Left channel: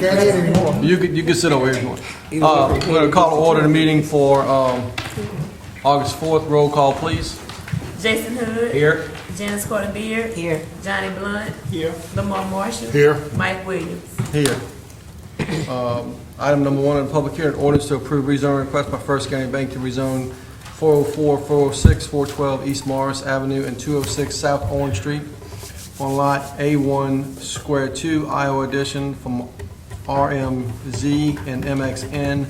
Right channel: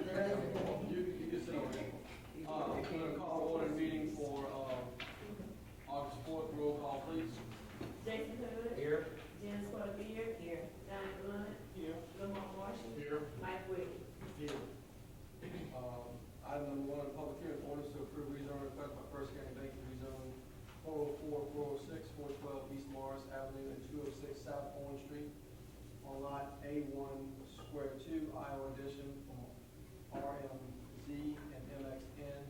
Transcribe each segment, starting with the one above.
Can't eat anymore. You can sit over here if you want. We're going to call to order the meeting for August 4th. Roll call, please. Jason Hood. Here. Janice Carter Beard. Here. Johnny Blunt. Here. Lamar Marshall. Here. Mike Williams. Here. Item number 1 on the public hearing, ordinance to approve rezoning request by First County Bank to rezone 404, 406, 412 East Morris Avenue and 206 South Orange Street on lot A1 Square 2, Iowa Edition from RMZ and MXN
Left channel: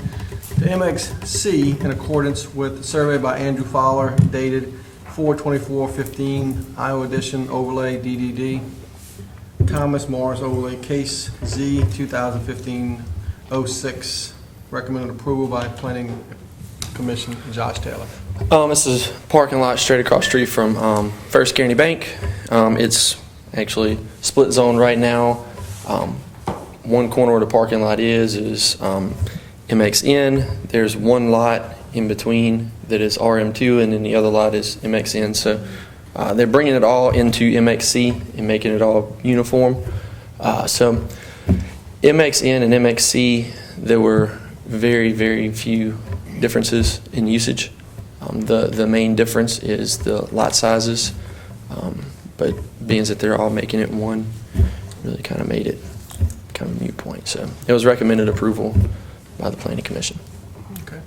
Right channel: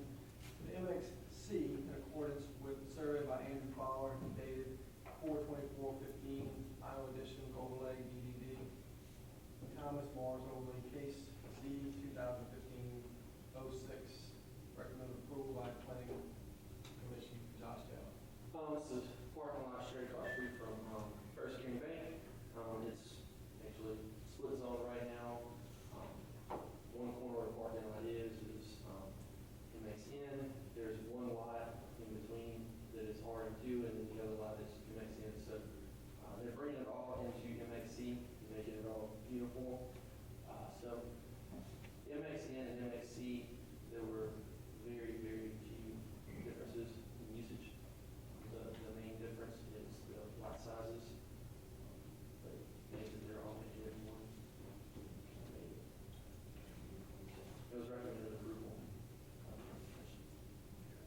to MXC in accordance with the survey by Andrew Fowler dated 4/24/15, Iowa Edition overlay DDD. Thomas Morris overlay case Z 2015-06. Recommended approval by Planning Commission. Josh Taylor. This is parking lot straight across the street from First County Bank. It's actually split zone right now. One corner where the parking lot is MXN. There's one lot in between that is RM2, and then the other lot is MXN. So they're bringing it all into MXC and making it all uniform. So MXN and MXC, there were very, very few differences in usage. The main difference is the lot sizes, but being that they're all making it one, really kind of made it kind of a moot point. So it was recommended approval by the Planning Commission. Okay.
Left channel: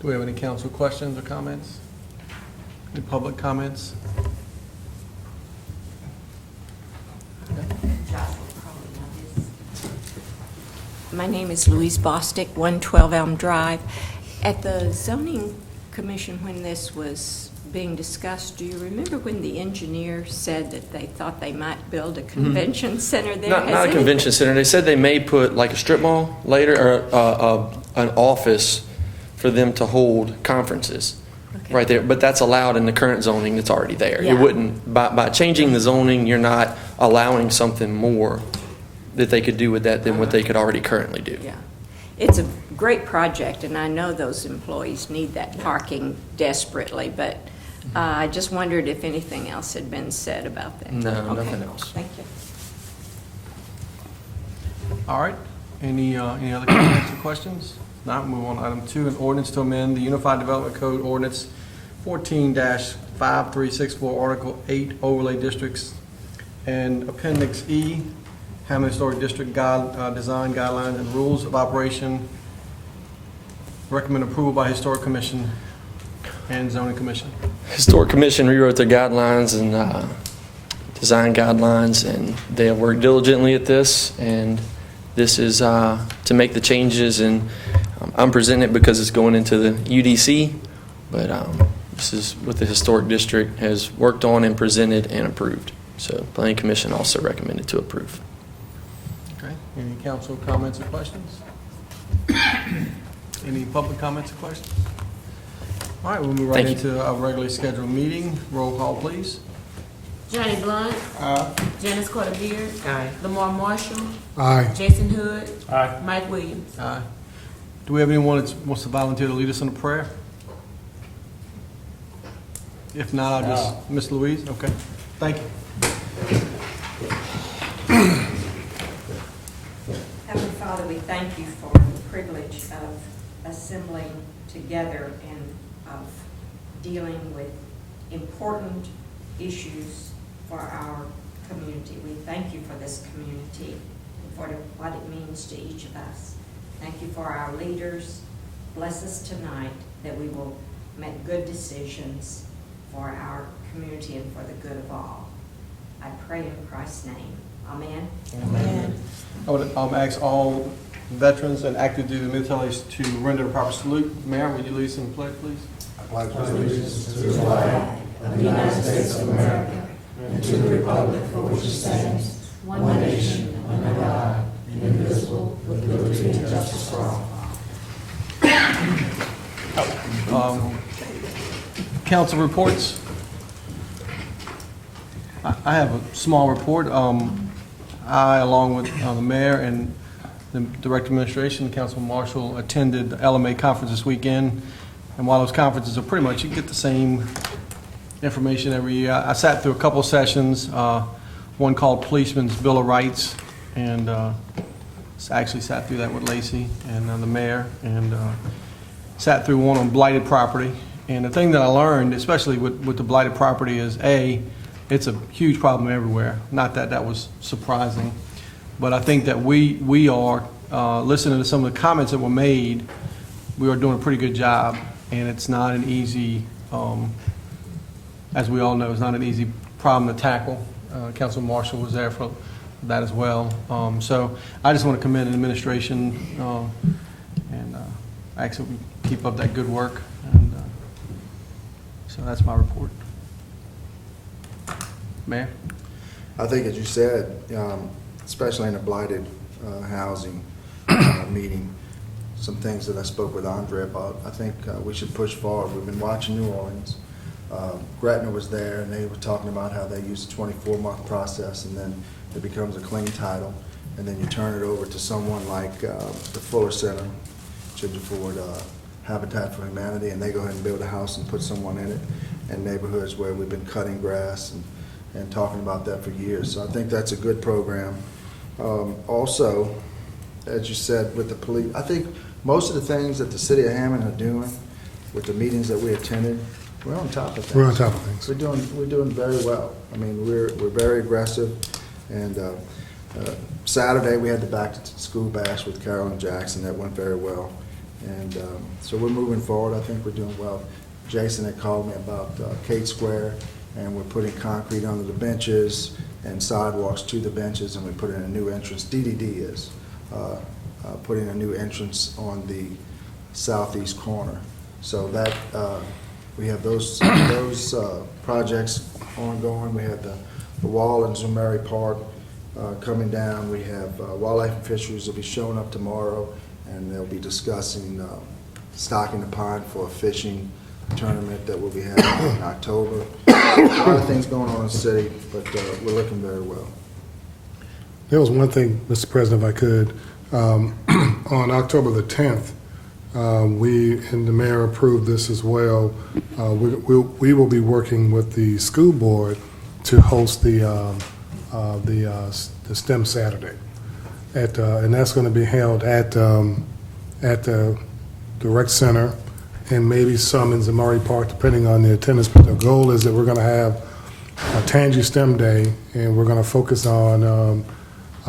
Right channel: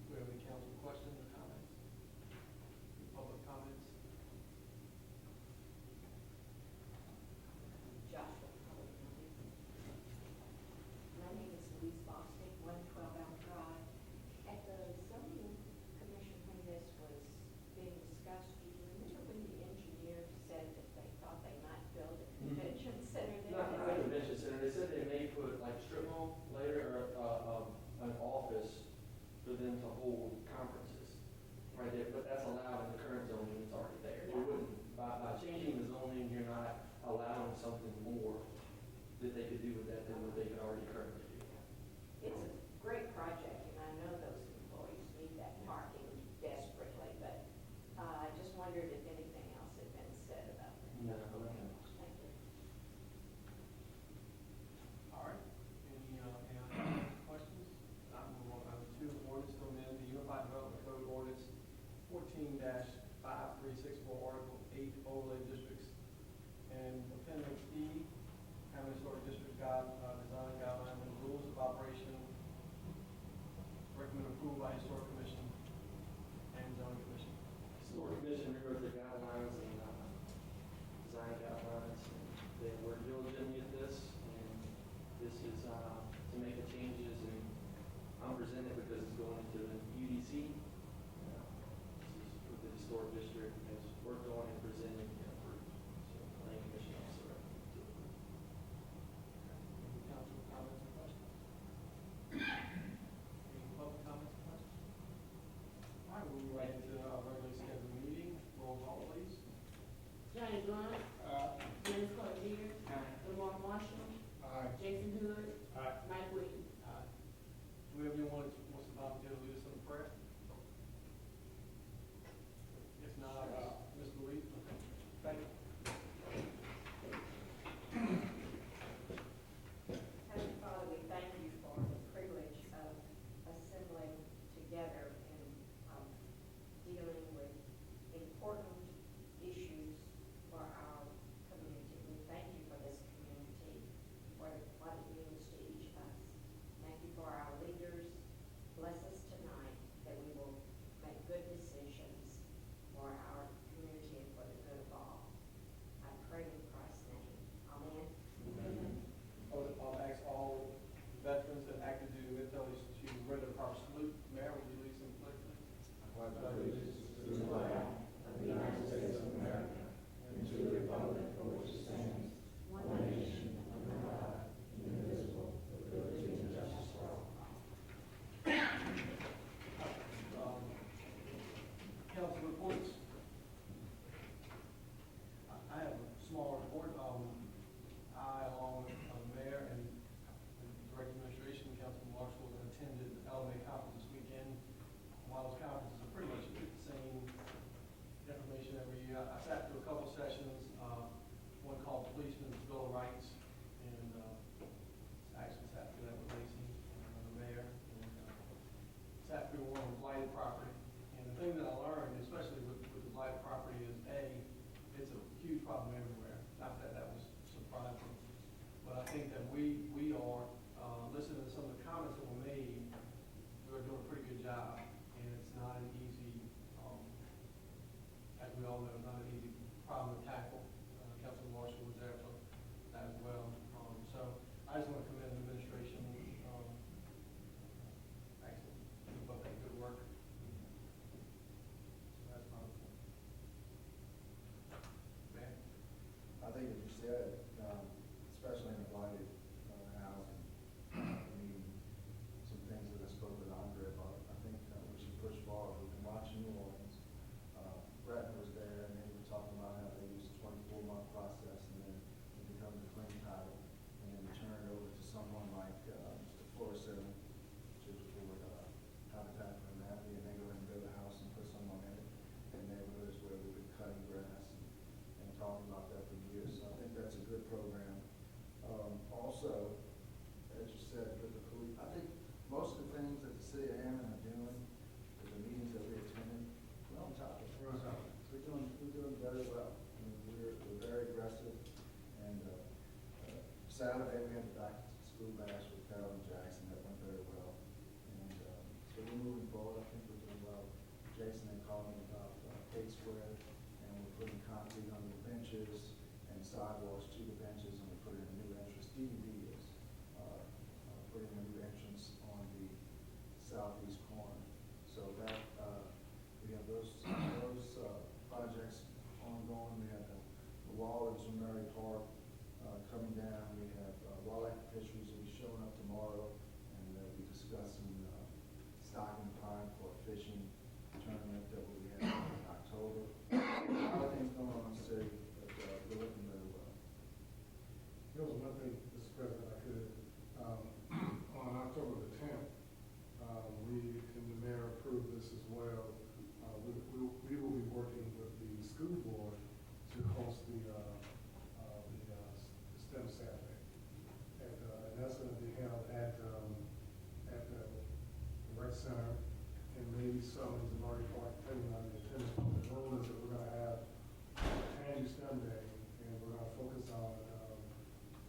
Do we have any council questions or comments? Any public comments? My name is Louise Bostick, 112 Elm Drive. At the zoning commission, when this was being discussed, do you remember when the engineer said that they thought they might build a convention center there? Not a convention center. They said they may put like a strip mall later, or an office for them to hold conferences. Okay. Right there, but that's allowed in the current zoning that's already there. Yeah. It wouldn't, by changing the zoning, you're not allowing something more that they could do with that than what they could already currently do. Yeah. It's a great project, and I know those employees need that parking desperately, but I just wondered if anything else had been said about that. No, Okay. nothing else. Thank you. All right. Any other comments or questions? Not, move on to item 2, an ordinance to amend the Unified Development Code Ordinance 14-5364, Article 8, Overlay Districts, and Appendix E, Hammond Historic District Design Guidelines and Rules of Operation. Recommend approval by Historic Commission and Zoning Commission. Historic Commission rewrote their guidelines and design guidelines, and they have worked diligently at this, and this is to make the changes, and I'm presenting it because it's going into the UDC, but this is what the Historic District has worked on and presented and approved. So Planning Commission also recommended to approve. Okay. Any council comments or questions? Any public comments or questions? All right, we'll move right Thank you. into our regularly scheduled meeting. Roll call, please. Johnny Blunt. Janice Carter Beard. Aye. Lamar Marshall. Aye. Jason Hood. Aye. Mike Williams. Aye. Do we have anyone that wants to volunteer to lead us in a prayer? If not, I'll just, Miss Louise? Okay. Thank you. Heavenly Father, we thank you for the privilege of assembling together and of dealing with important issues for our community. We thank you for this community and for what it means to each of us. Thank you for our leaders. Bless us tonight that we will make good decisions for our community and for the good of all. I pray in Christ's name. Amen. Amen. I would ask all veterans and active duty militaries to render a proper salute. Mayor, would you lead us in the pledge, please? I pledge allegiance to the flag of the United States of America and to the republic for which it stands, one nation, under God, indivisible, with liberty and justice for all. Council reports. I have a small report. I, along with the mayor and the Director of Administration, Councilman Marshall, attended the LMA conference this weekend. And while those conferences are pretty much, you get the same information every year. I sat through a couple of sessions, one called Policeman's Bill of Rights, and actually sat through that with Lacey and the mayor, and sat through one on blighted property. And the thing that I learned, especially with the blighted property, is it's a huge problem everywhere. Not that that was surprising, but I think that we are, listening to some of the comments that were made, we are doing a pretty good job. And it's not an easy, as we all know, it's not an easy problem to tackle. Councilman Marshall was there for that as well. So I just want to commend the administration and actually keep up that good work. And so that's my report. Mayor? I think, as you said, especially in the blighted housing meeting, some things that I spoke with Andre about, I think we should push forward. We've been watching New Orleans. Gretna was there, and they were talking about how they use a 24-month process, and then it becomes a clean title, and then you turn it over to someone like the Fuller Center, Ginger Ford, Habitat for Humanity, and they go ahead and build a house and put someone in it, and neighborhoods where we've been cutting grass and talking about that for years. So I think that's a good program. Also, as you said, with the police, I think most of the things that the city of Hammond are doing with the meetings that we attended, we're on top of things. We're on top of things. We're doing very well. I mean, we're very aggressive. And Saturday we had the back to school bash with Carolyn Jackson. That went very well. And so we're moving forward. I think we're doing well. Jason had called me about Kate Square, and we're putting concrete under the benches and sidewalks to the benches, and we put in a new entrance. DDD is putting a new entrance on the southeast corner. So that we have those projects ongoing. We have the wall in Zumari Park coming down. We have Wildlife and Fisheries will be showing up tomorrow, and they'll be discussing stocking the pond for a fishing tournament that we'll be having in October. A lot of things going on in the city, but we're looking very well. There was one thing, Mr. President, if I could. On October the 10th, we and the mayor approved this as well. We will be working with the school board to host the STEM Saturday, and that's going to be held at the rec center and maybe some in Zamari Park, depending on the attendance. But the goal is that we're going to have a Tangi STEM Day, and we're going to focus on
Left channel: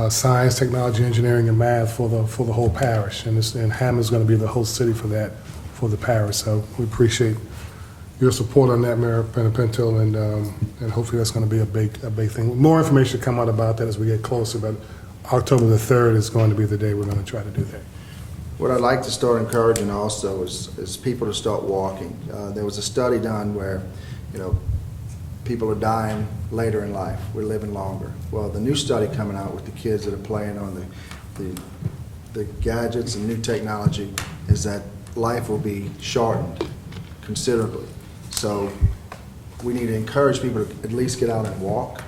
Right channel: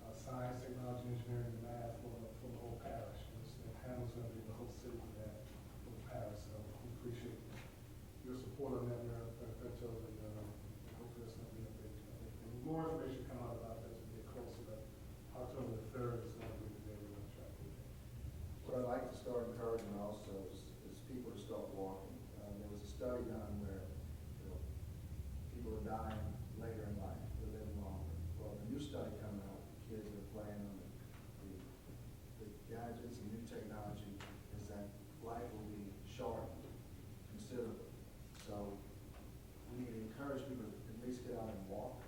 science, technology, engineering, and math for the whole parish. And Hammond's going to be the host city for that, for the parish. So we appreciate your support on that, Mayor Pinto, and hopefully that's going to be a big thing. More information will come out about that as we get closer, but October the 3rd is going to be the day we're going to try to do that. What I'd like to start encouraging also is people to start walking. There was a study done where, people are dying later in life. We're living longer. Well, the new study coming out with the kids that are playing on the gadgets and new technology is that life will be shortened considerably. So we need to encourage people to at least get out and walk.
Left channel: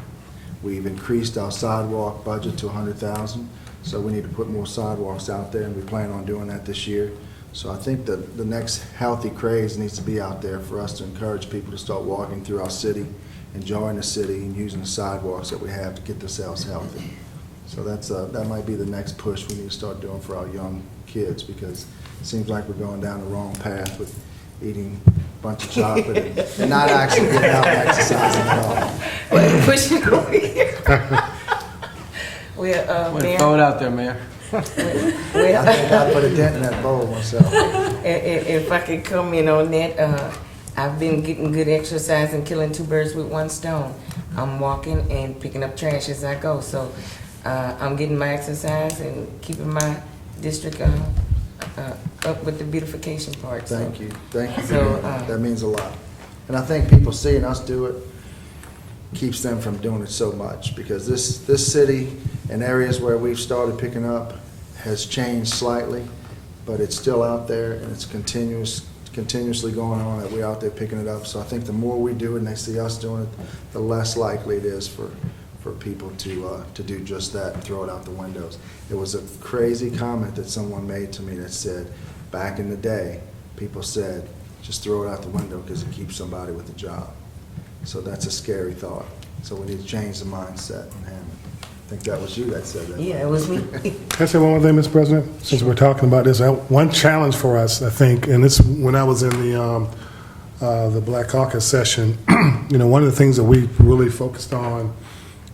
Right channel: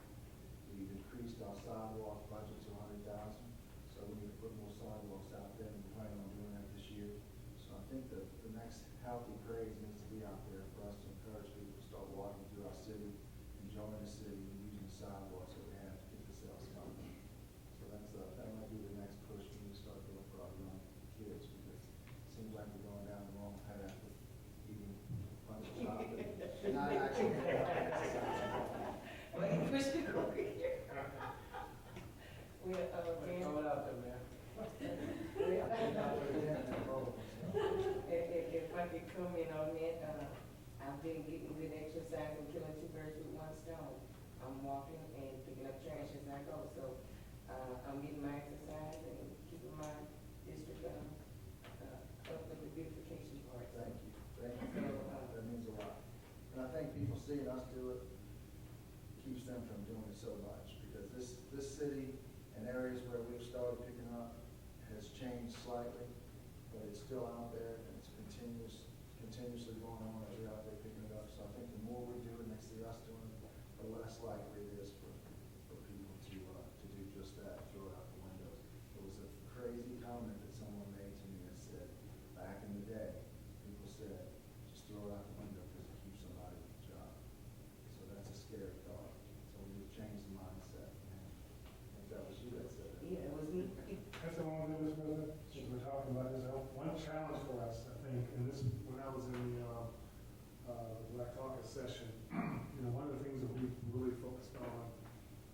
We've increased our sidewalk budget to $100,000. So we need to put more sidewalks out there, and we plan on doing that this year. So I think that the next healthy craze needs to be out there for us to encourage people to start walking through our city, enjoying the city, and using the sidewalks that we have to get themselves healthy. So that might be the next push we need to start doing for our young kids, because it seems like we're going down the wrong path with eating a bunch of chocolate and not actually getting out and exercising at all. Pushing over here. Well, Way to Mayor, throw it out there, Mayor. I think I put a dent in that bowl myself. if I could comment on that, I've been getting good exercise and killing two birds with one stone. I'm walking and picking up trash as I go, so I'm getting my exercise and keeping my district up with the beautification part. Thank you. Thank you. So, That means a lot. And I think people seeing us do it keeps them from doing it so much, because this city and areas where we've started picking up has changed slightly, but it's still out there, and it's continuously going on that we're out there picking it up. So I think the more we do it and they see us doing it, the less likely it is for people to do just that and throw it out the windows. It was a crazy comment that someone made to me that said, back in the day, people said, just throw it out the window because it keeps somebody with a job. So that's a scary thought. So we need to change the mindset in Hammond. I think that was you that said that. Yeah, it was me. Can I say one more thing, Mr. President? Since we're talking about this, one challenge for us, I think, and this when I was in the Black Caucus session, one of the things that we really focused on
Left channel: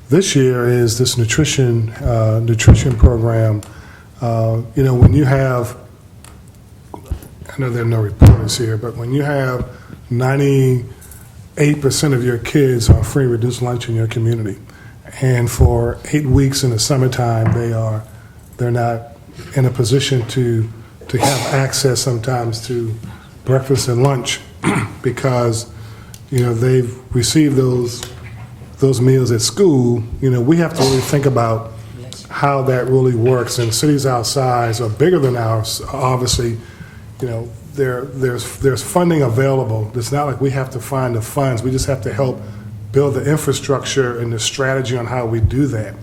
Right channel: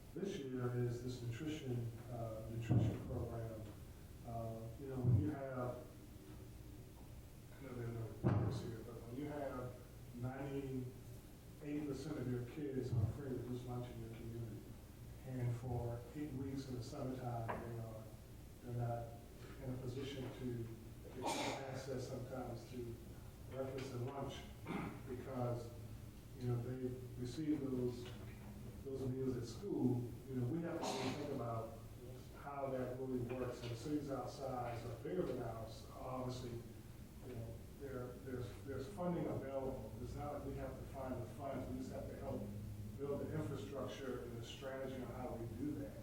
this year is this nutrition program. When you have, I know there are no reporters here, but when you have 98% of your kids on free reduced lunch in your community, and for 8 weeks in the summertime, they're not in a position to have access sometimes to breakfast and lunch because they've received those meals at school. We have to really think about how that really works. And cities our size are bigger than ours. Obviously, there's funding available. It's not like we have to find the funds. We just have to help build the infrastructure and the strategy on how we do that.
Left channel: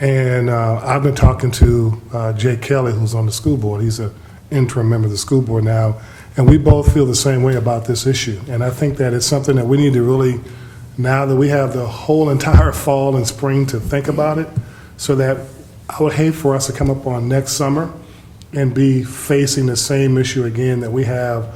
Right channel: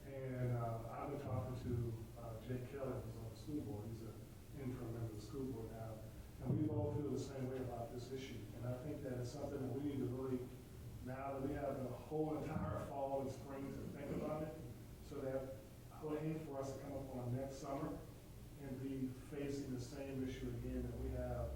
And I've been talking to Jay Kelly, who's on the school board. He's an interim member of the school board now. And we both feel the same way about this issue. And I think that it's something that we need to really, now that we have the whole entire fall and spring to think about it, so that I would hate for us to come up on next summer and be facing the same issue again, that we have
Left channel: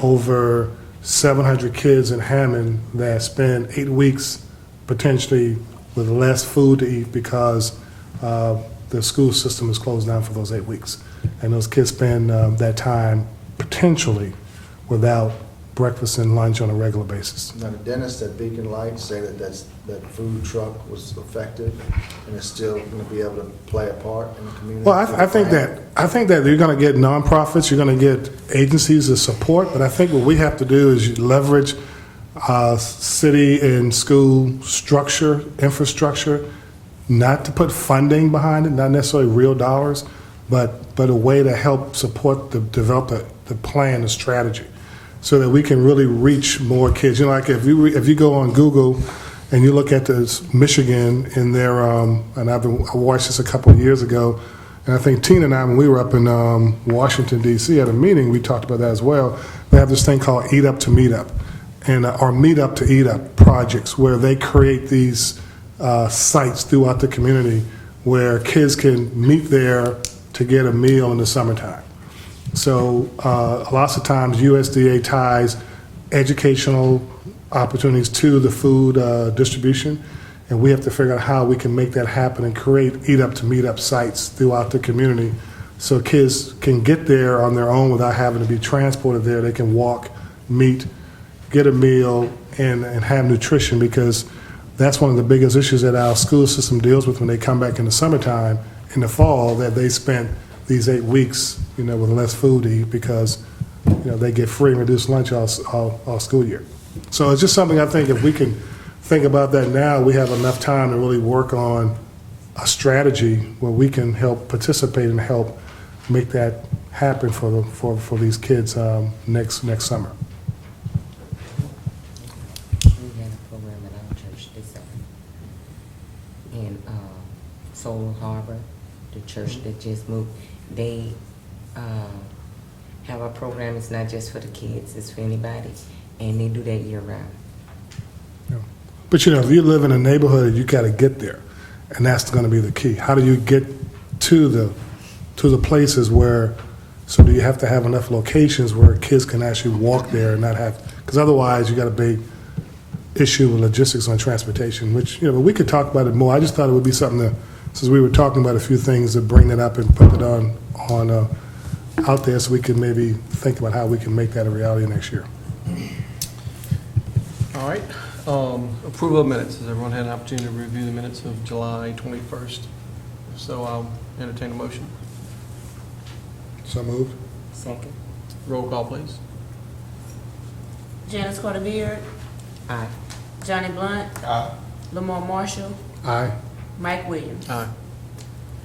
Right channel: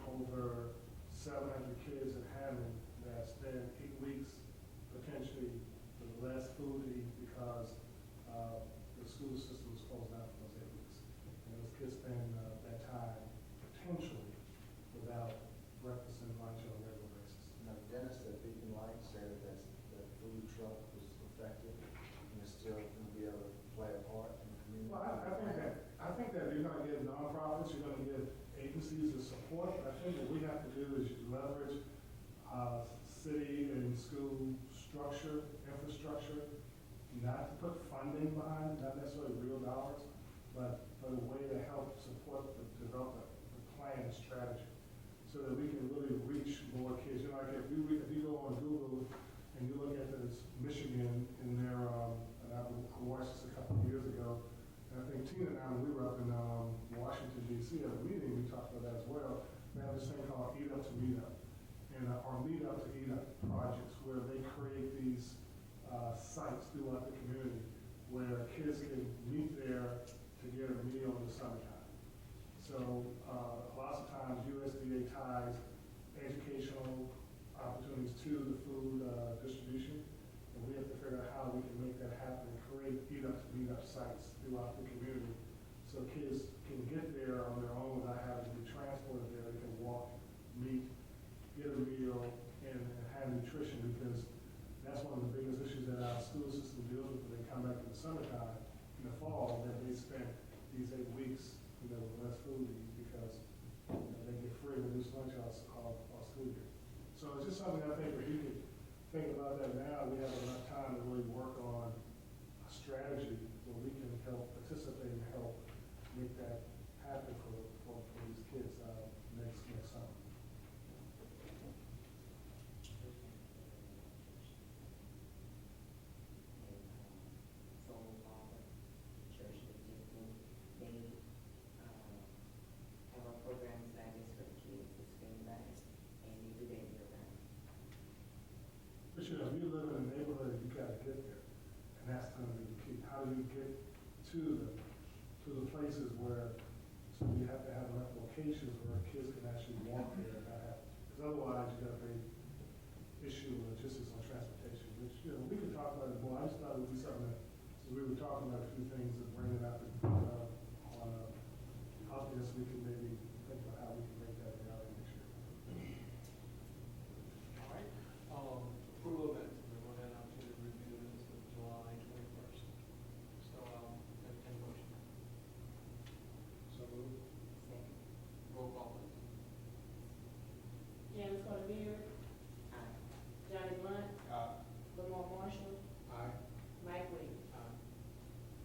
over 700 kids in Hammond that spend 8 weeks potentially with less food to eat because the school system is closed down for those 8 weeks. And those kids spend that time potentially without breakfast and lunch on a regular basis. Now, the dentist at Beacon Lights say that food truck was effective and it's still going to be able to play a part in the community. Well, I think that you're going to get nonprofits, you're going to get agencies of support, but I think what we have to do is leverage city and school structure, infrastructure, not to put funding behind it, not necessarily real dollars, but a way to help support develop the plan, the strategy, so that we can really reach more kids. Like if you go on Google and you look at this Michigan in their, and I watched this a couple of years ago, and I think Tina and I, when we were up in Washington, D.C. at a meeting, we talked about that as well. They have this thing called Eat Up to Meet Up, and or Meet Up to Eat Up projects, where they create these sites throughout the community where kids can meet there to get a meal in the summertime. So lots of times USDA ties educational opportunities to the food distribution, and we have to figure out how we can make that happen and create Eat Up to Meet Up sites throughout the community so kids can get there on their own without having to be transported there. They can walk, meet, get a meal, and have nutrition, because that's one of the biggest issues that our school system deals with when they come back in the summertime, in the fall, that they spent these 8 weeks, with less food to eat because, they get free and reduced lunch all school year. So it's just something I think if we can think about that now, we have enough time to really work on a strategy where we can help participate and help make that happen for these kids next summer. We had a program at our church this summer. In Soul Harbor, the church that just moved, they have a program. It's not just for the kids, it's for anybody, and they do that year round. Yeah. But if you live in a neighborhood, you got to get there, and that's going to be the key. How do you get to the places where? So do you have to have enough locations where kids can actually walk there and not have? Because otherwise, you got a big issue with logistics on transportation. Which but we could talk about it more. I just thought it would be something that, since we were talking about a few things, to bring that up and put it on out there, so we can maybe think about how we can make that a reality next year. All right. Approval of minutes. Has everyone had an opportunity to review the minutes of July 21st? If so, I'll entertain a motion. So moved. Second. Roll call, please. Janice Carter Beard, Aye. Johnny Blunt, Lamar Marshall, Aye. Mike Williams, Aye.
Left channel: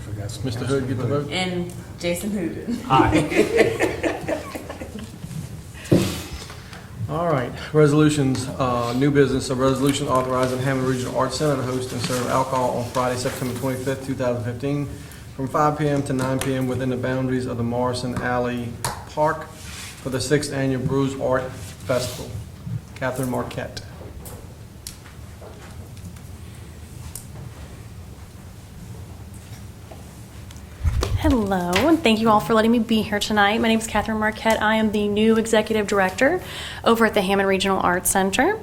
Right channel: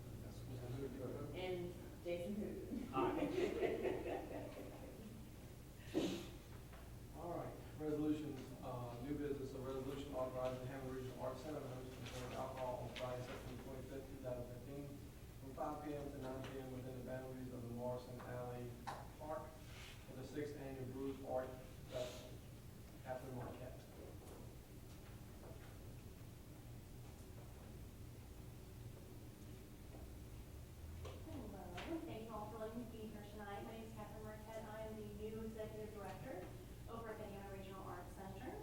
Forgot something. Mr. Hood, get the vote. and Jason Hooden. All right, resolutions, new business, a resolution authorizing Hammond Regional Arts Center to host and serve alcohol on Friday, September 25th, 2015, from 5 p.m. to 9 p.m. within the boundaries of the Morrison Alley Park for the 6th Annual Brews Art Festival. Catherine Marquette. Hello, and thank you all for letting me be here tonight. My name is Catherine Marquette. I am the new Executive Director over at the Hammond Regional Arts Center.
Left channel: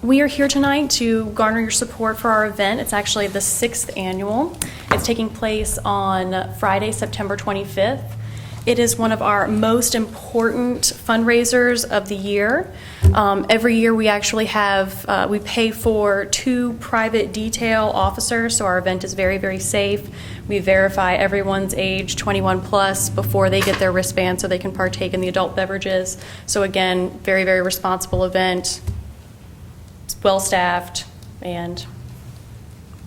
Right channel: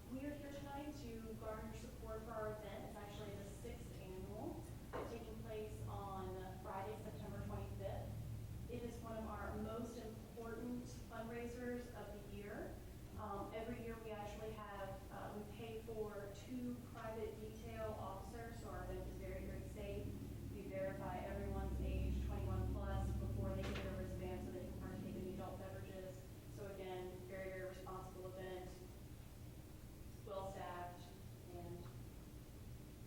We are here tonight to garner your support for our event. It's actually the 6th annual. It's taking place on Friday, September 25th. It is one of our most important fundraisers of the year. Every year we actually have, we pay for 2 private detail officers, so our event is very, very safe. We verify everyone's age 21 plus before they get their wristband so they can partake in the adult beverages. So again, very, very responsible event. It's well-staffed, and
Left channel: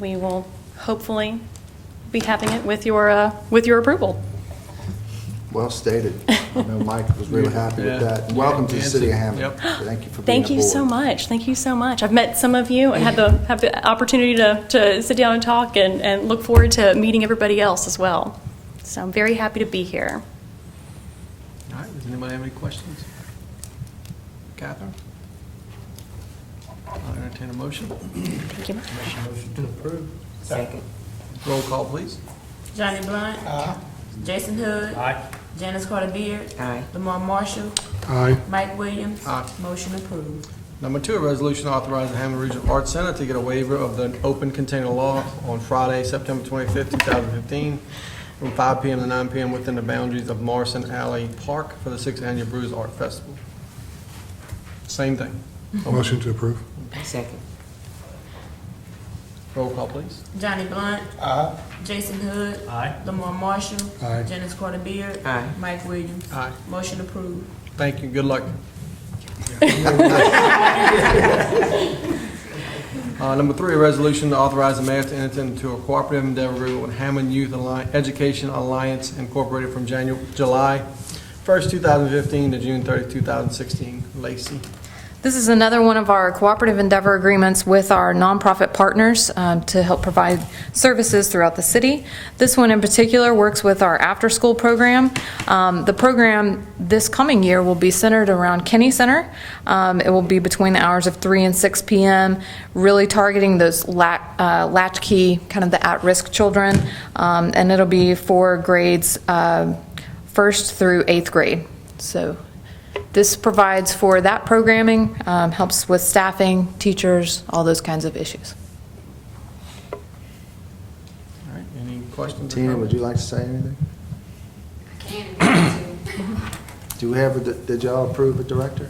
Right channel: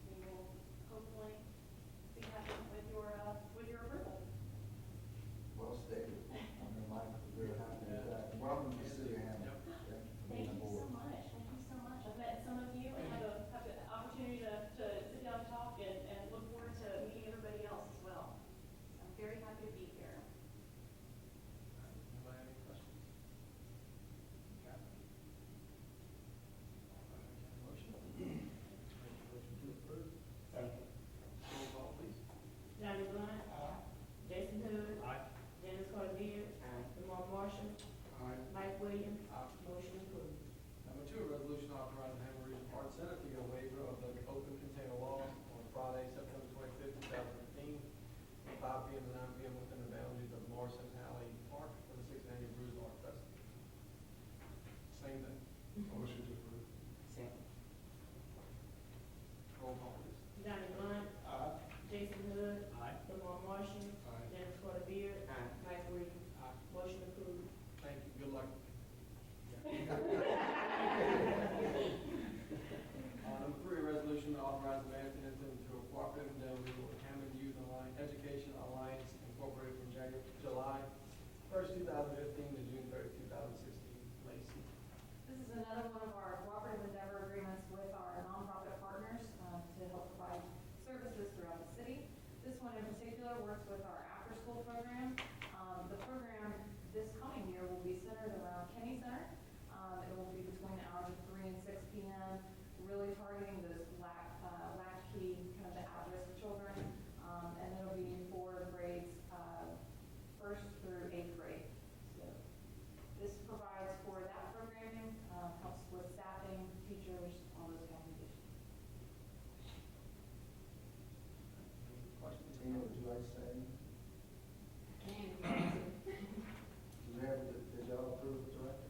we will hopefully be having it with your approval. Well stated. I know Mike was really happy with that. And welcome to the city of Hammond. Yep. Thank you for being Thank aboard. you so much. Thank you so much. I've met some of you and have the opportunity to sit down and talk and look forward to meeting everybody else as well. So I'm very happy to be here. All right, does anybody have any questions? Catherine? I'll entertain a motion. Thank you. Motion to approve. Second. Roll call, please. Johnny Blunt. Jason Hood. Aye. Janice Carter Beard. Aye. Lamar Marshall. Aye. Mike Williams. Aye. Motion approved. Number 2, a resolution authorizing the Hammond Regional Arts Center to get a waiver of the open container law on Friday, September 25th, 2015, from 5 p.m. to 9 p.m. within the boundaries of Morrison Alley Park for the 6th Annual Brews Art Festival. Same thing. Motion to approve. Second. Roll call, please. Johnny Blunt. Jason Hood. Aye. Lamar Marshall. Aye. Janice Carter Beard. Aye. Mike Williams. Aye. Motion approved. Thank you. Good luck. Number 3, a resolution to authorize the mayor to enter into a cooperative endeavor agreement with Hammond Youth Education Alliance Incorporated from July 1st, 2015 to June 30, 2016. Lacey. This is another one of our cooperative endeavor agreements with our nonprofit partners to help provide services throughout the city. This one in particular works with our after-school program. The program this coming year will be centered around Kinney Center. It will be between the hours of 3 and 6 p.m., really targeting those latchkey, kind of the at-risk children, and it'll be for grades 1st through 8th grade. So this provides for that programming, helps with staffing, teachers, all those kinds of issues. All right. Any questions? or Tina, would comments? you like to say anything? I can. Do we have, did y'all approve a director?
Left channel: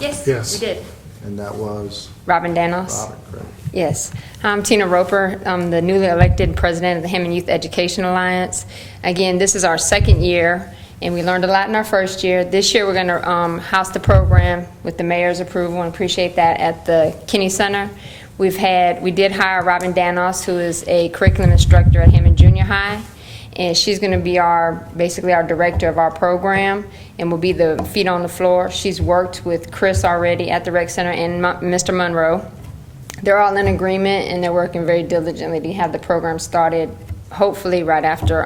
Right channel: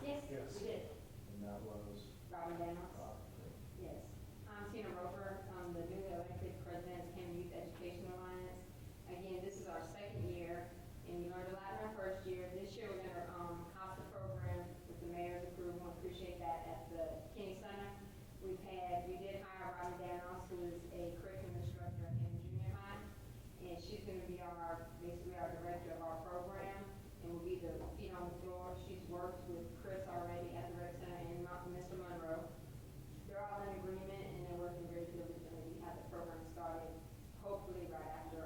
Yes. Yes. We did. And that was Robin Danos. Robert, correct? Yes. I'm Tina Roper. I'm the newly elected president of the Hammond Youth Education Alliance. Again, this is our 2nd year, and we learned a lot in our 1st year. This year, we're going to house the program with the mayor's approval, and appreciate that, at the Kinney Center. We did hire Robin Danos, who is a curriculum instructor at Hammond Junior High, and she's going to be basically our director of our program, and will be the feet on the floor. She's worked with Chris already at the rec center and Mr. Monroe. They're all in agreement, and they're working very diligently to have the program started, hopefully right after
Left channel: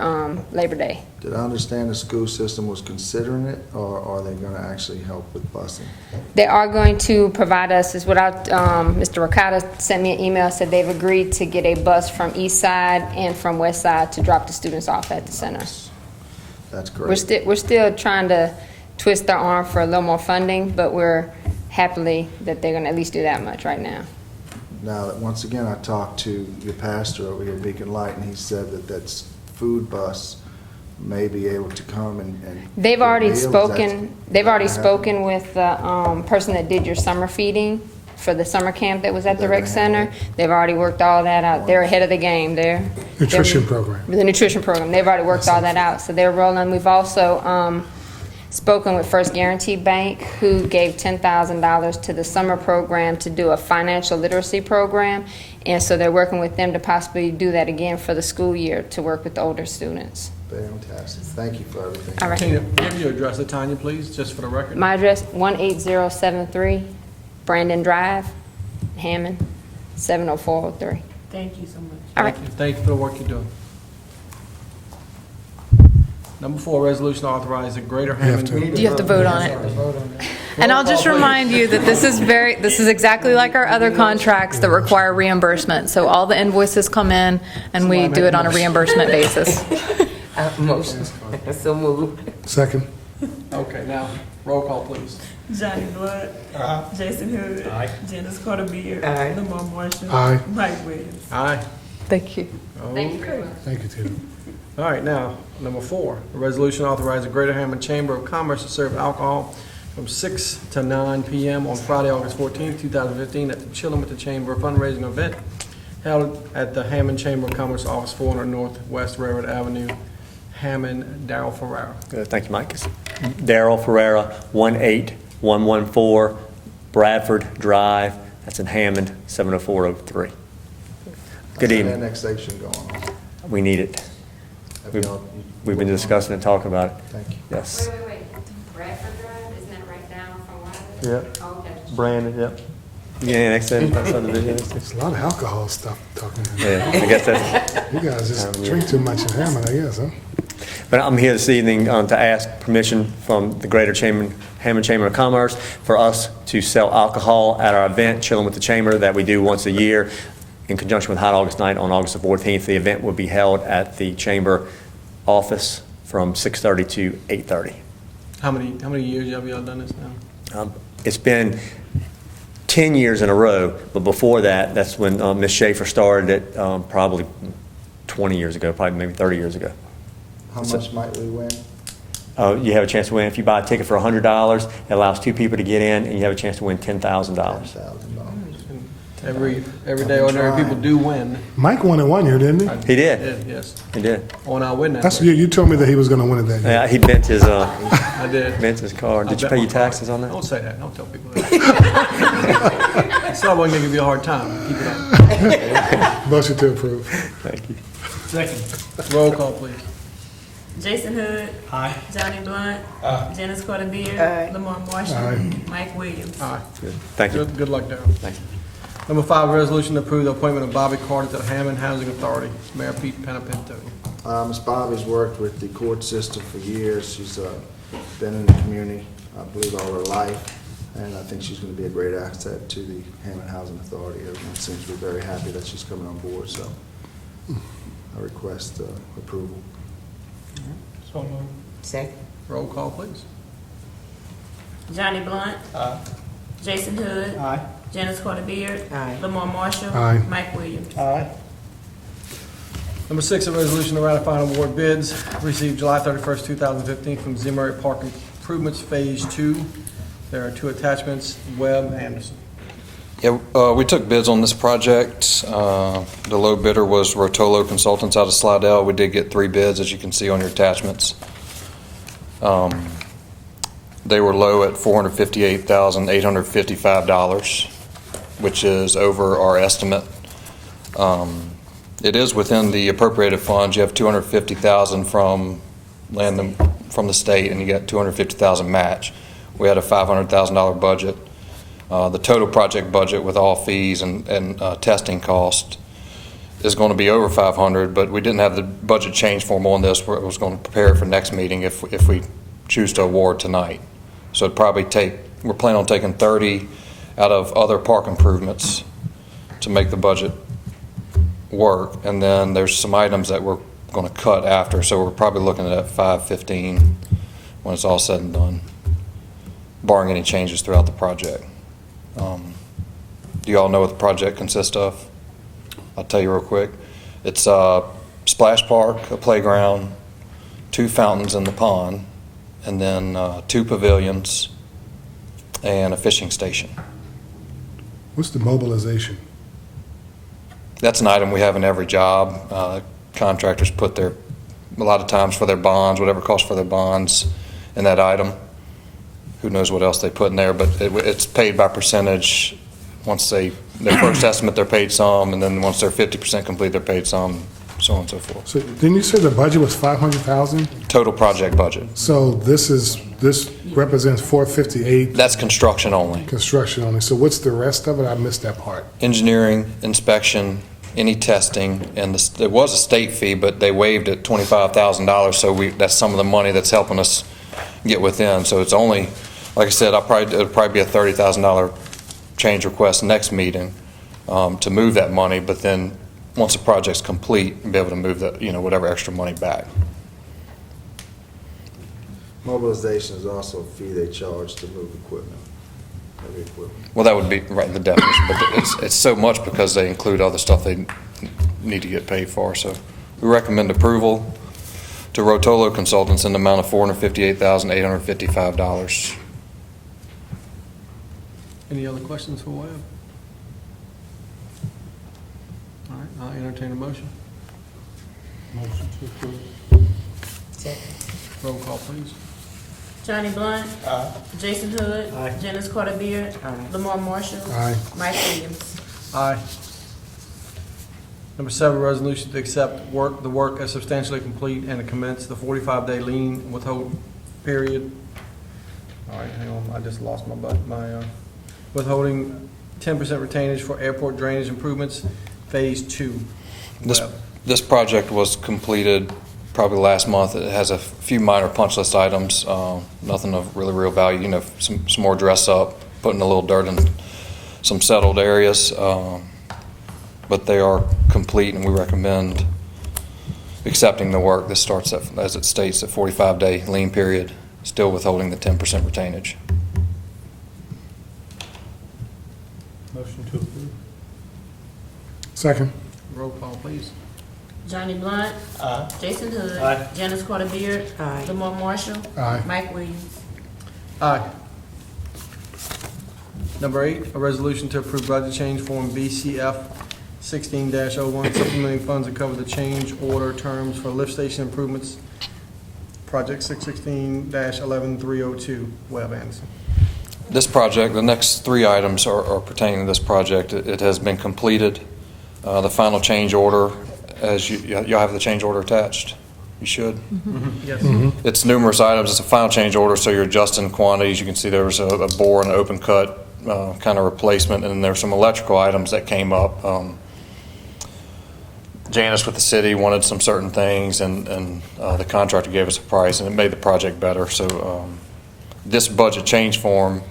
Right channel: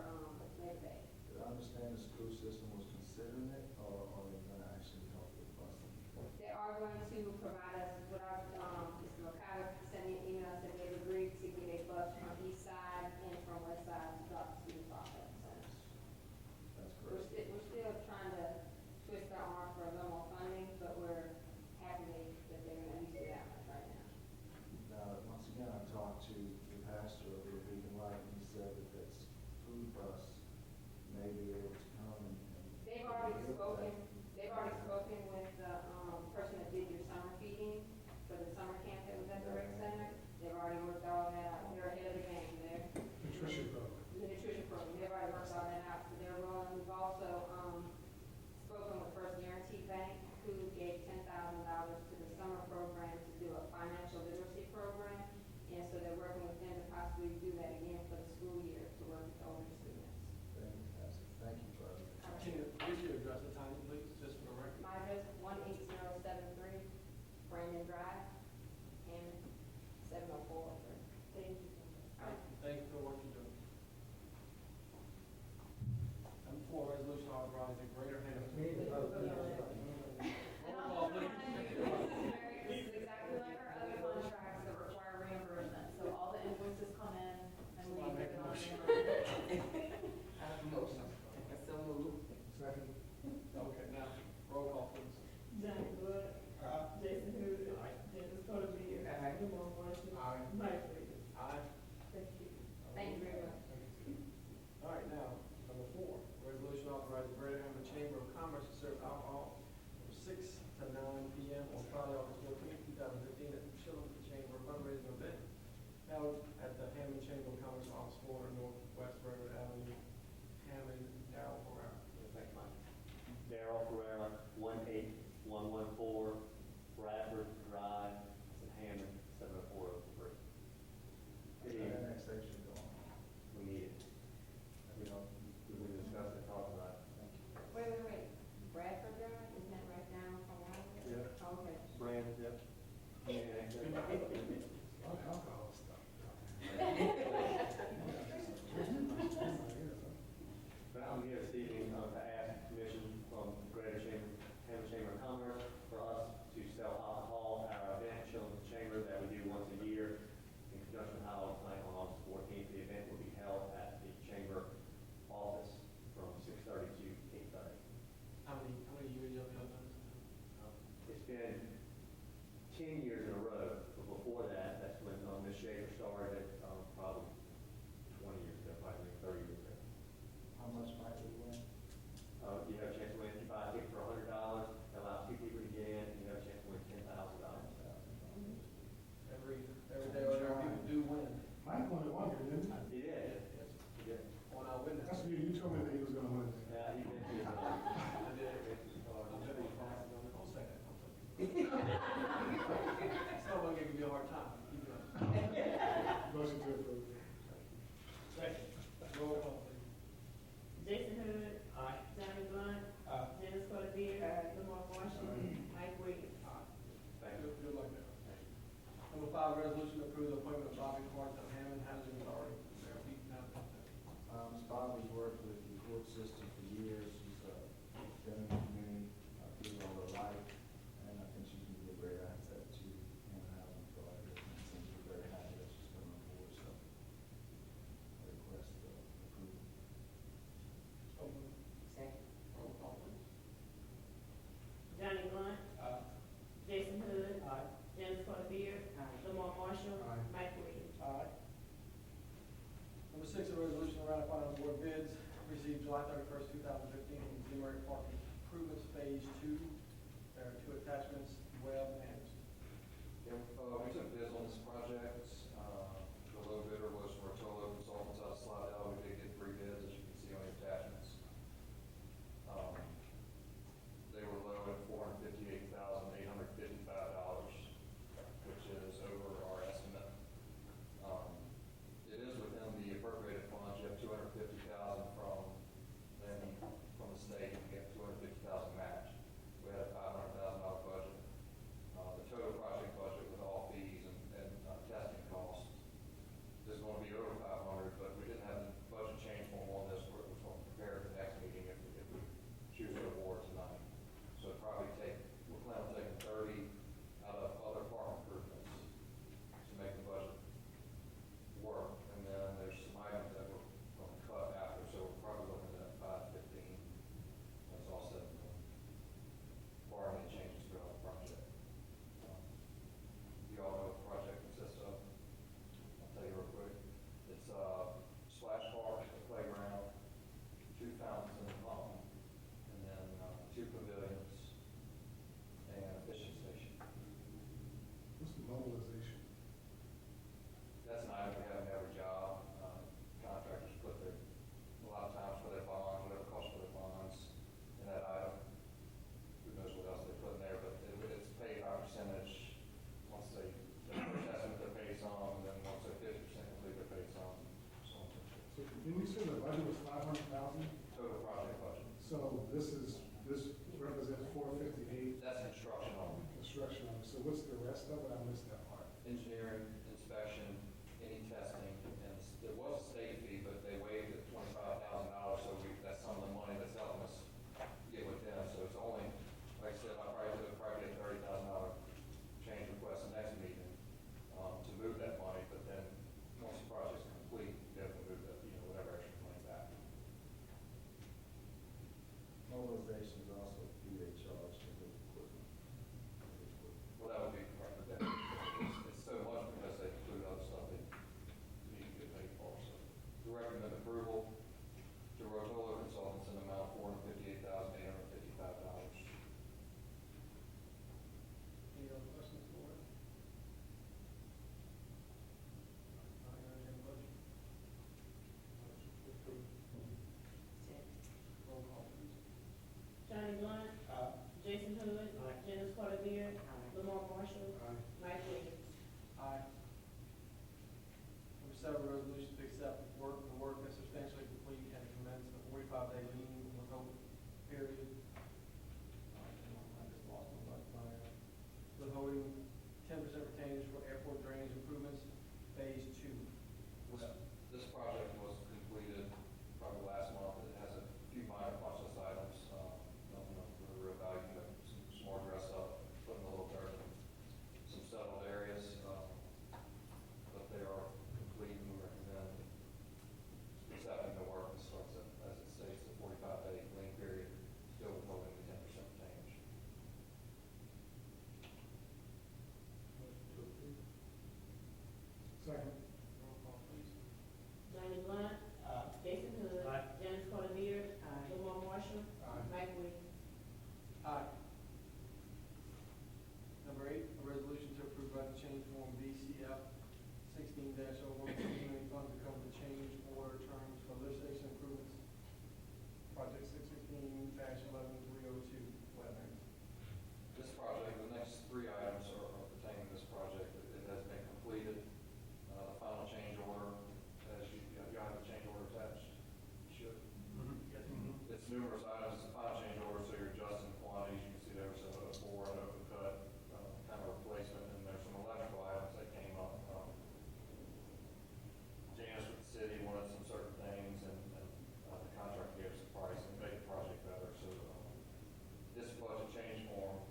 Labor Day. Did I understand the school system was considering it, or are they going to actually help with busing? They are going to provide us, is what Mr. Ricotta sent me an email, said they've agreed to get a bus from East Side and from West Side to drop the students off at the center. That's great. We're still trying to twist their arm for a little more funding, but we're happily that they're going to at least do that much right now. Now, once again, I talked to your pastor over here at Beacon Light, and he said that that's food bus may be able to come and They've get already meals. spoken. They've already Is that gonna spoken with the person that did your summer feeding for the summer camp that was at the They're rec gonna center. handle it. They've already worked all that out. They're ahead of the game. Nutrition program. The nutrition program. They've already worked all that out, so they're rolling. We've also spoken with First Guarantee Bank, who gave $10,000 to the summer program to do a financial literacy program, and so they're working with them to possibly do that again for the school year to work with the older students. Fantastic. Thank you for everything. All right. Tina, give your address to Tanya, please, just for the record. My address, 18073 Brandon Drive, Hammond, 70403. Thank you so much. All right. Thank you. Thank you for the work you're doing. Number 4, resolution authorizing Greater Hammond. You have to vote on it. And I'll just remind you that this is exactly like our other contracts that require reimbursement. So all the invoices come in, and we do it on a reimbursement basis. Motion. So move. Second. Okay, now, roll call, please. Johnny Blunt. Jason Hood. Janice Carter Beard. Aye. Lamar Marshall. Aye. Mike Williams. Aye. Thank you. Okay. Thank you, Tina. All right, now, number 4, a resolution authorizing Greater Hammond Chamber of Commerce to serve alcohol from 6 to 9 p.m. on Friday, August 14, 2015, at the Chillin' with the Chamber fundraising event held at the Hammond Chamber of Commerce, Office 400 Northwest Railroad Avenue. Hammond, Darrell Ferrara. Thank you, Mike. It's Darrell Ferrara, 18114 Bradford Drive. That's in Hammond, 70403. Good evening. Annexation going on. We need it. Have y'all- We've been discussing and talking about it. Thank you. Yes. Wait. Bradford Drive, isn't that right down from Wiley? Yep. Okay. Brandon, yep. Yeah, next subdivision. It's a lot of alcohol stuff talking about. Yeah, I guess that's. You guys just drink too much in Hammond, I guess, huh? But I'm here this evening to ask permission from the Greater Hammond Chamber of Commerce for us to sell alcohol at our event, Chillin' with the Chamber, that we do once a year in conjunction with Hot August Night on August the 14th. The event will be held at the Chamber office from 6:30 to 8:30. How many years have y'all done this now? It's been 10 years in a row, but before that, that's when Ms. Schaefer started it, probably 20 years ago, probably maybe 30 years ago. How much might we win? You have a chance to win. If you buy a ticket for $100, it allows 2 people to get in, and you have a chance to win $10,000. $10,000. Every day, ordinary people do win. Mike won it one year, didn't he? He did. Yes. He did. On our win that. That's way. you told me that he was going to win it that year. Yeah, he bent his I did. card. Did you I pay bet your my taxes card. on that? Don't say that. Don't tell people that. So I wasn't gonna give you a hard time. Keep it up. Motion to approve. Thank you. Second. Roll call, please. Jason Hood. Aye. Johnny Blunt. Janice Carter Beard. Aye. Lamar Marshall. Aye. Mike Williams. Aye. Good. Thank you. Good luck, Darrell. Thank you. Number 5, resolution to approve the appointment of Bobby Carter to the Hammond Housing Authority. Mayor Pete Panapinto. Ms. Bobby's worked with the court system for years. She's been in the community, I believe, all her life, and I think she's going to be a great asset to the Hammond Housing Authority. Everyone seems to be very happy that she's coming on board, so I request approval. Second. Roll call, please. Johnny Blunt. Jason Hood. Janice Carter Beard. Aye. Lamar Marshall. Aye. Mike Williams. Number 6, a resolution to ratify and award bids received July 31st, 2015 from Zimmery Park Improvements Phase 2. There are 2 attachments. Webb, Anderson. Yeah, we took bids on this project. The low bidder was Rotolo Consultants out of Slidell. We did get 3 bids, as you can see on your attachments. They were low at $458,855, which is over our estimate. It is within the appropriated funds. You have $250,000 from the state, and you got $250,000 match. We had a $500,000 budget. The total project budget with all fees and testing cost is going to be over $500,000, but we didn't have the budget change form on this. Where it was going to prepare for next meeting if we choose to award tonight. So it'd probably we're planning on taking 30 out of other park improvements to make the budget work, and then there's some items that we're going to cut after, so we're probably looking at $515 when it's all said and done, barring any changes throughout the project. Do you all know what the project consists of? I'll tell you real quick. It's a splash park, a playground, 2 fountains in the pond, and then 2 pavilions and a fishing station. What's the mobilization? That's an item we have in every job. Contractors put a lot of times for their bonds, whatever it costs for their bonds in that item. Who knows what else they put in there, but it's paid by percentage. Once their first estimate, they're paid some, and then once they're 50% complete, they're paid some, so on and so forth. So didn't you say the budget was 500,000? Total project budget. So this represents 458 That's construction only. construction only. So what's the rest of it? I missed that part. Engineering, inspection, any testing, and there was a state fee, but they waived it $25,000, so that's some of the money that's helping us get within. So it's only, like I said, it'll probably be a $30,000 change request next meeting to move that money, but then once the project's complete, be able to move that, whatever extra money back. Mobilization is also a fee they charge to move equipment, heavy equipment. Well, that would be right in the definition, but it's so much because they include other stuff they need to get paid for. So we recommend approval to Rotolo Consultants in the amount of $458,855. Any other questions for Webb? All right, I'll entertain a motion. Motion to approve. Roll call, please. Johnny Blunt. Jason Hood. Janice Carter Beard. Lamar Marshall. Aye. Mike Williams. Aye. Number 7, resolution to accept the work as substantially complete and to commence the 45-day lien withhold period. All right, hang on, I just lost my withholding 10% retainage for airport drainage improvements, Phase 2. This project was completed probably last month. It has a few minor punch list items, nothing of really real value, you know, some more dress up, putting a little dirt in some settled areas. But they are complete, and we recommend accepting the work. This starts at, as it states, a 45-day lien period, still withholding the 10% retainage. Motion to approve. Second. Roll call, please. Johnny Blunt. Jason Hood. Janice Carter Beard. Lamar Marshall. Aye. Mike Williams. Aye. Number 8, a resolution to approve budget change form BCF 16-01, supplementing funds to cover the change order terms for lift station improvements, project 616-11302, Webb Anderson. This project, the next 3 items are pertaining to this project. It has been completed. The final change order, as you'll have the change order attached. You should. Yes. It's numerous items. It's a final change order, so you're adjusting quantities. You can see there was a bore and an open cut kind of replacement, and then there's some electrical items that came up. Janice with the city wanted some certain things, and the contractor gave us a price, and it made the project better. So this budget change form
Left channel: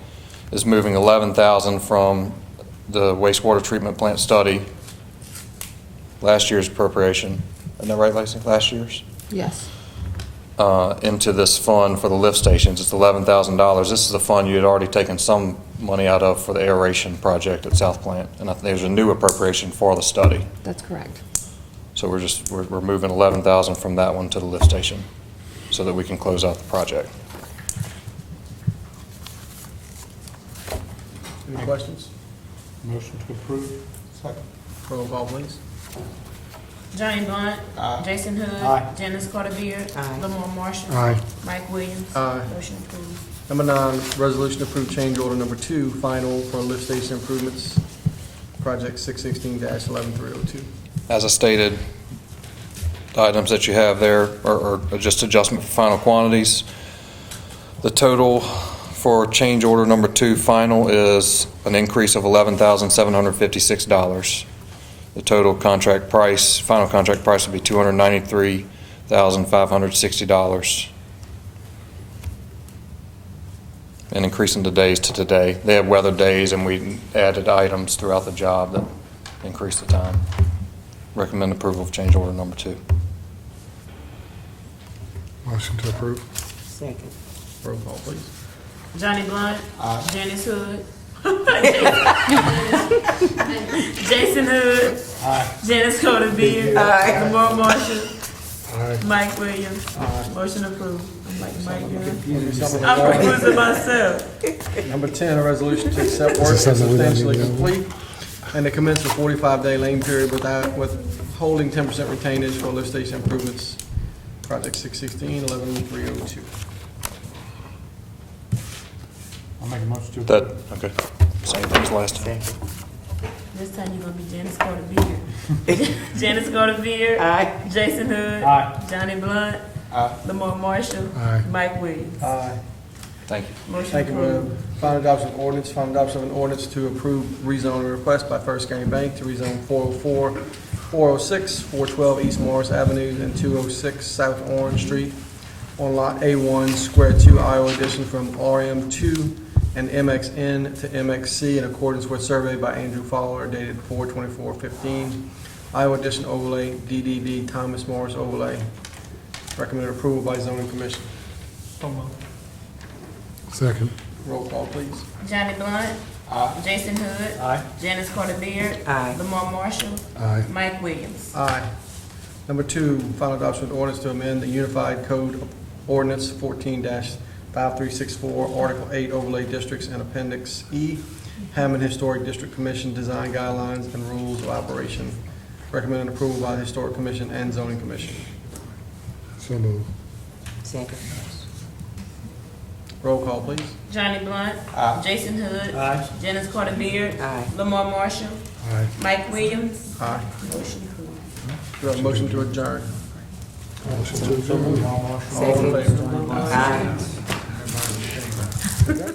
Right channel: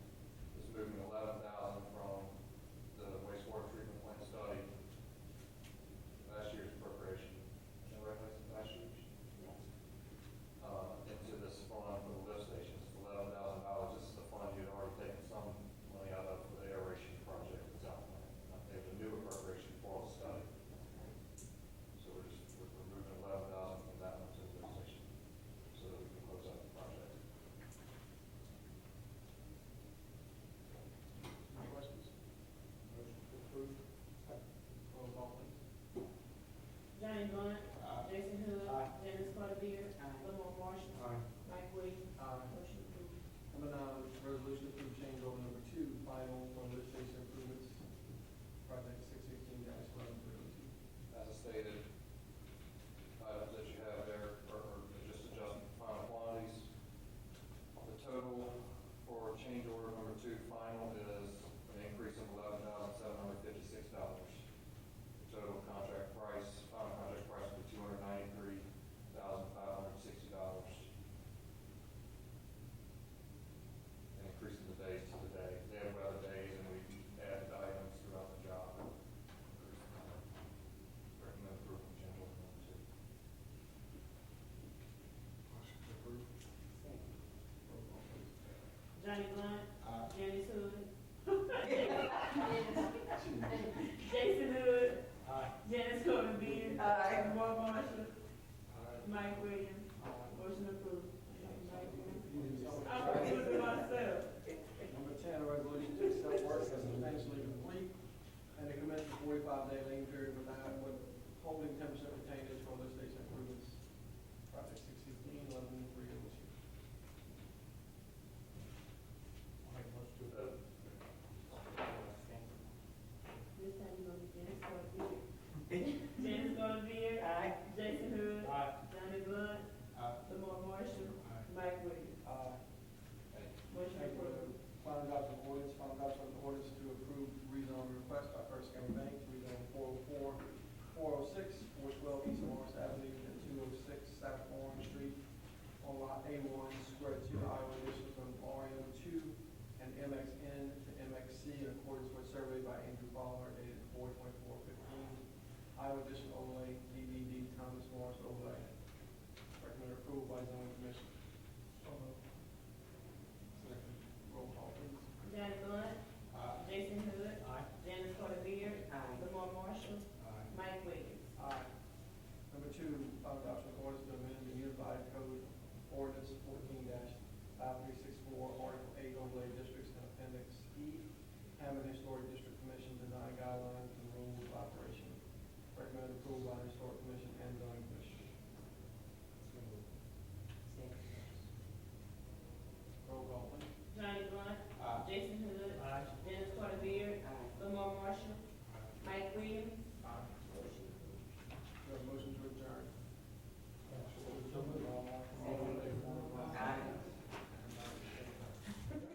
is moving $11,000 from the wastewater treatment plant study, last year's appropriation. Isn't that right, Lacey? Last year's? Yes. Into this fund for the lift stations. It's $11,000. This is the fund you had already taken some money out of for the aeration project at South Plant, and there's a new appropriation for the study. That's correct. So we're moving $11,000 from that one to the lift station so that we can close out the project. Any questions? Motion to approve. Second. Roll call, please. Johnny Blunt. Jason Hood. Janice Carter Beard. Lamar Marshall. Aye. Mike Williams. Aye. Motion approved. Number 9, resolution to approve change order number 2, final for lift station improvements, project 616-11302. As I stated, the items that you have there are just adjustment for final quantities. The total for change order number 2 final is an increase of $11,756. The total contract price, final contract price would be $293,560. And increasing the days to today. They have weather days, and we added items throughout the job that increased the time. Recommend approval of change order number 2. Motion to approve. Second. Roll call, please. Johnny Blunt. Janice Hood. Jason Hood. Janice Carter Beard. Lamar Marshall. Aye. Mike Williams. Motion approved. I'm like Mike Young. Something I'm like that. confusing myself. Number 10, a resolution to accept work as Something we don't substantially need to know. complete and to commence the 45-day lane period withholding 10% retainage for lift station improvements, project 616-11302. I'll make a motion to That, okay, same thing as last time. Second. This time you're gonna be Janice Carter Beard. Janice Carter Beard. Aye. Jason Hood. Johnny Blunt. Lamar Marshall. Aye. Mike Williams. Thank you. Motion Thank you, approved. Webb. Final adoption of ordinance, final adoption of an ordinance to approve rezoning request by First County Bank to rezone 404, 406, 412 East Morris Avenue and 206 South Orange Street on Lot A1, Square 2, Iowa Edition from RM2 and MXN to MXC in accordance with survey by Andrew Fowler dated 4/24/15. Iowa Edition overlay, DDD Thomas Morris overlay. Recommended approval by zoning commission. So moved. Second. Roll call, please. Johnny Blunt. Jason Hood. Janice Carter Beard. Lamar Marshall. Aye. Mike Williams. Aye. Number 2, final adoption of ordinance to amend the Unified Code of Ordinance 14-5364, Article 8, Overlay Districts, and Appendix E, Hammond Historic District Commission Design Guidelines and Rules of Operation. Recommended approval by the Historic Commission and Zoning Commission. So moved. Second. Roll call, please. Johnny Blunt. Jason Hood. Janice Carter Beard. Aye. Lamar Marshall. Aye. Mike Williams. Aye. Motion approved. Do I have a motion to adjourn? Motion to adjourn. All in favor? Aye.